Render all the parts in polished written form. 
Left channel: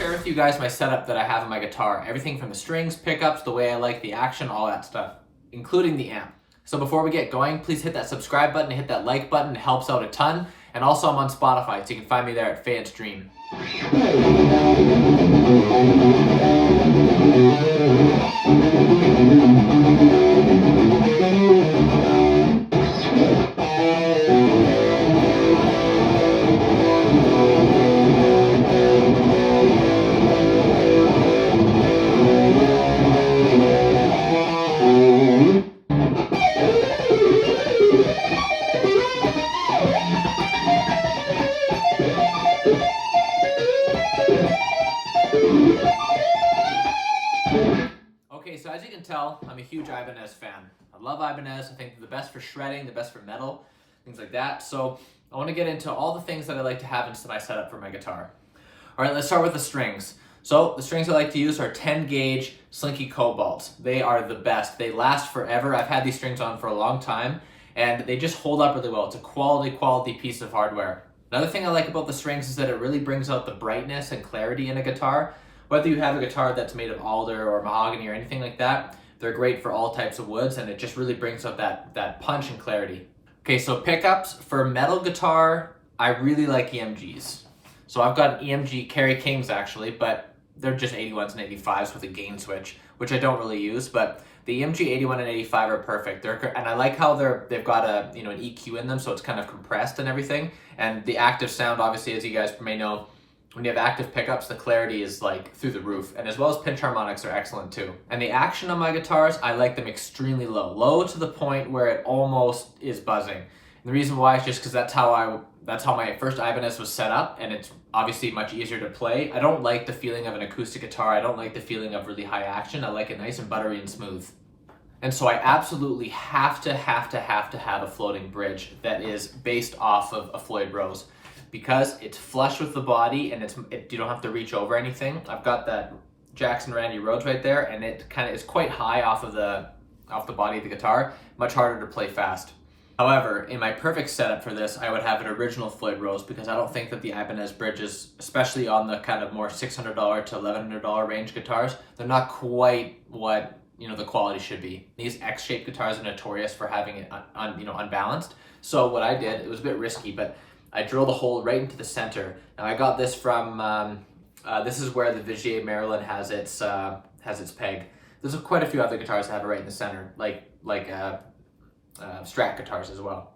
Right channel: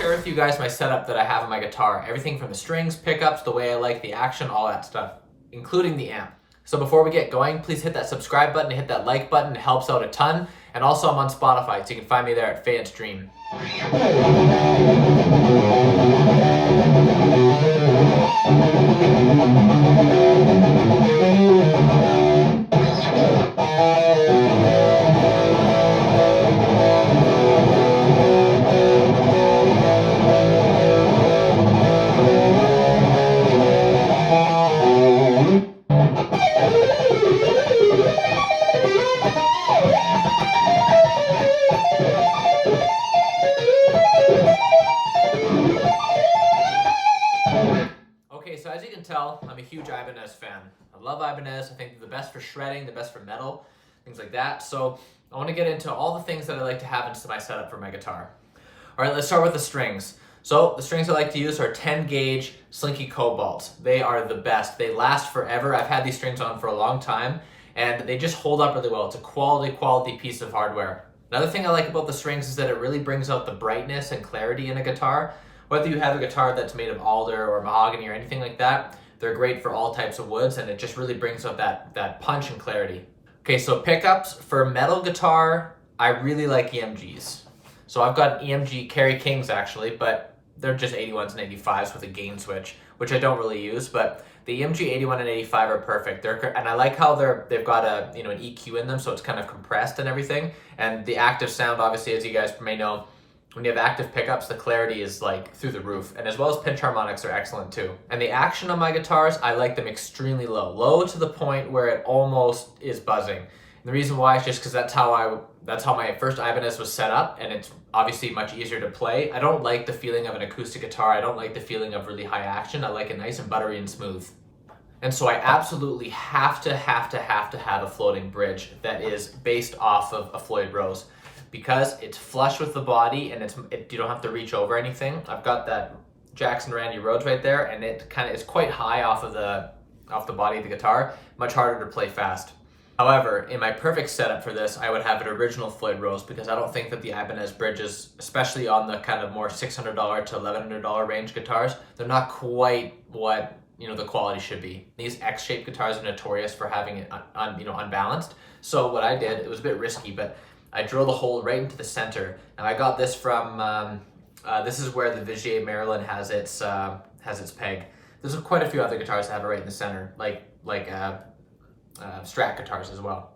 share with you guys my setup that I have on my guitar. Everything from the strings, pickups, the way I like the action, all that stuff, including the amp. So before we get going, please hit that subscribe button and hit that like button. It helps out a ton. And also I'm on Spotify, so you can find me there at Fayette's Dream. Okay, so as you can tell, I'm a huge Ibanez fan. I love Ibanez. I think they're the best for shredding, the best for metal, things like that. So I want to get into all the things that I like to have into my setup for my guitar. All right, let's start with the strings. So the strings I like to use are 10 gauge Slinky Cobalts. They are the best. They last forever. I've had these strings on for a long time and they just hold up really well. It's a quality piece of hardware. Another thing I like about the strings is that it really brings out the brightness and clarity in a guitar. Whether you have a guitar that's made of alder or mahogany or anything like that, they're great for all types of woods and it just really brings out that punch and clarity. Okay, so pickups. For metal guitar, I really like EMGs. So I've got EMG Kerry Kings actually, but they're just 81s and 85s with a gain switch, which I don't really use, but the EMG 81 and 85 are perfect. And I like how they've got an EQ in them, so it's kind of compressed and everything. And the active sound, obviously, as you guys may know, when you have active pickups, the clarity is like through the roof, and as well as pinch harmonics are excellent too. And the action on my guitars, I like them extremely low. Low to the point where it almost is buzzing. And the reason why is just because that's how my first Ibanez was set up, and it's obviously much easier to play. I don't like the feeling of an acoustic guitar. I don't like the feeling of really high action. I like it nice and buttery and smooth. And so I absolutely have to have a floating bridge that is based off of a Floyd Rose, because it's flush with the body and you don't have to reach over anything. I've got that Jackson Randy Rhodes right there, and it kind of is quite high off the body of the guitar, much harder to play fast. However, in my perfect setup for this, I would have an original Floyd Rose, because I don't think that the Ibanez bridges, especially on the kind of more $600 to $1,100 range guitars, they're not quite what the quality should be. These X-shaped guitars are notorious for having it unbalanced. So what I did, it was a bit risky, but I drilled a hole right into the center. Now I got this from, this is where the Vigier Maryland has its peg. There's quite a few other guitars that have it right in the center, like Strat guitars as well.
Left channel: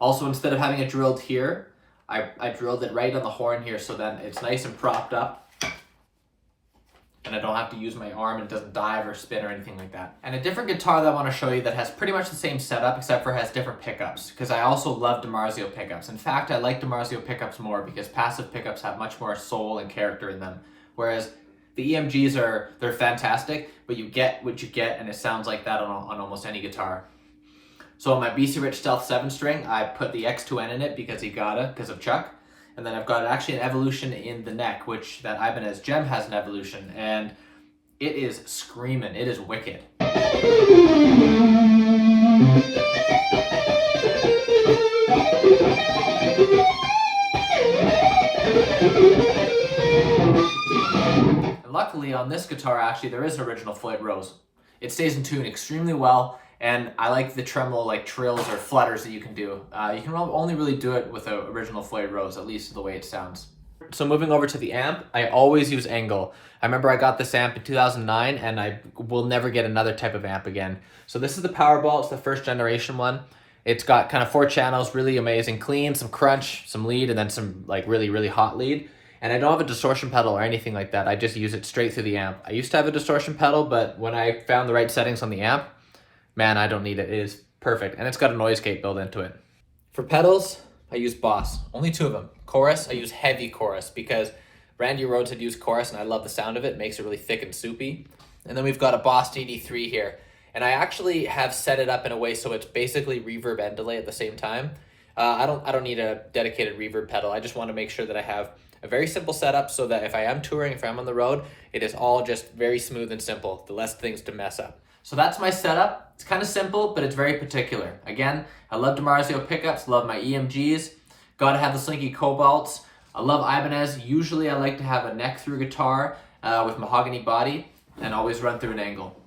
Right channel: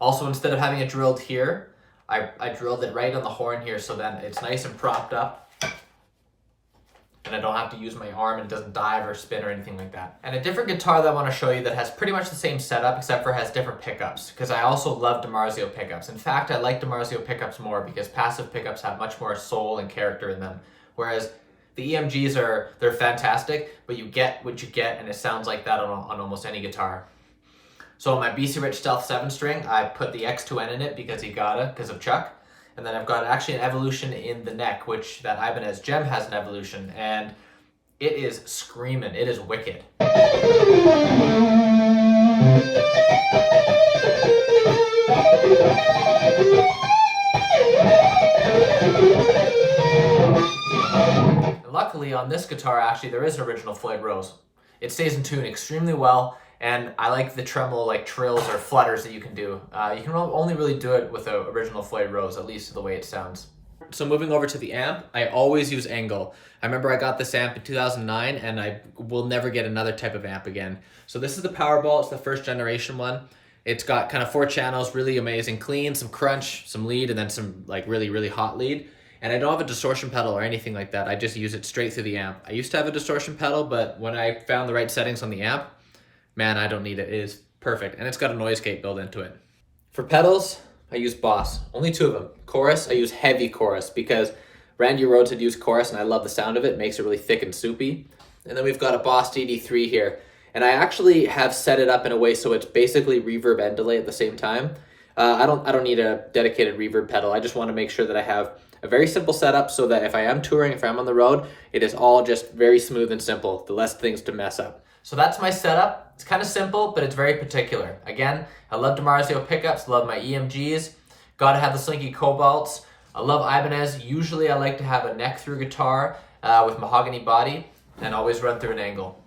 Also, instead of having it drilled here, I drilled it right on the horn here, so then it's nice and propped up, and I don't have to use my arm, and it doesn't dive or spin or anything like that. And a different guitar that I want to show you that has pretty much the same setup, except for has different pickups, because I also love DiMarzio pickups. In fact, I like DiMarzio pickups more because passive pickups have much more soul and character in them, whereas the EMGs they're fantastic, but you get what you get, and it sounds like that on almost any guitar. So on my B.C. Rich Stealth 7-string, I put the X2N in it because of Chuck. And then I've got actually an evolution in the neck, which that Ibanez Gem has an evolution, and it is screaming. It is wicked. And luckily on this guitar, actually, there is an original Floyd Rose. It stays in tune extremely well. And I like the tremolo, like trills or flutters that you can do. You can only really do it with an original Floyd Rose, at least the way it sounds. So moving over to the amp, I always use Engel. I remember I got this amp in 2009, and I will never get another type of amp again. So this is the Powerball. It's the first generation one. It's got kind of 4 channels, really amazing, clean, some crunch, some lead, and then some like really hot lead. And I don't have a distortion pedal or anything like that. I just use it straight through the amp. I used to have a distortion pedal, but when I found the right settings on the amp, man, I don't need it. It is perfect. And it's got a noise gate built into it. For pedals, I use Boss. Only 2 of them. Chorus, I use heavy chorus because Randy Rhodes had used chorus and I love the sound of it. It makes it really thick and soupy. And then we've got a Boss DD3 here. And I actually have set it up in a way so it's basically reverb and delay at the same time. I don't need a dedicated reverb pedal. I just want to make sure that I have a very simple setup so that if I am touring, if I'm on the road, it is all just very smooth and simple. The less things to mess up. So that's my setup. It's kind of simple, but it's very particular. Again, I love DiMarzio pickups, love my EMGs. Gotta have the Slinky Cobalts. I love Ibanez. Usually I like to have a neck through guitar with mahogany body and always run through an angle.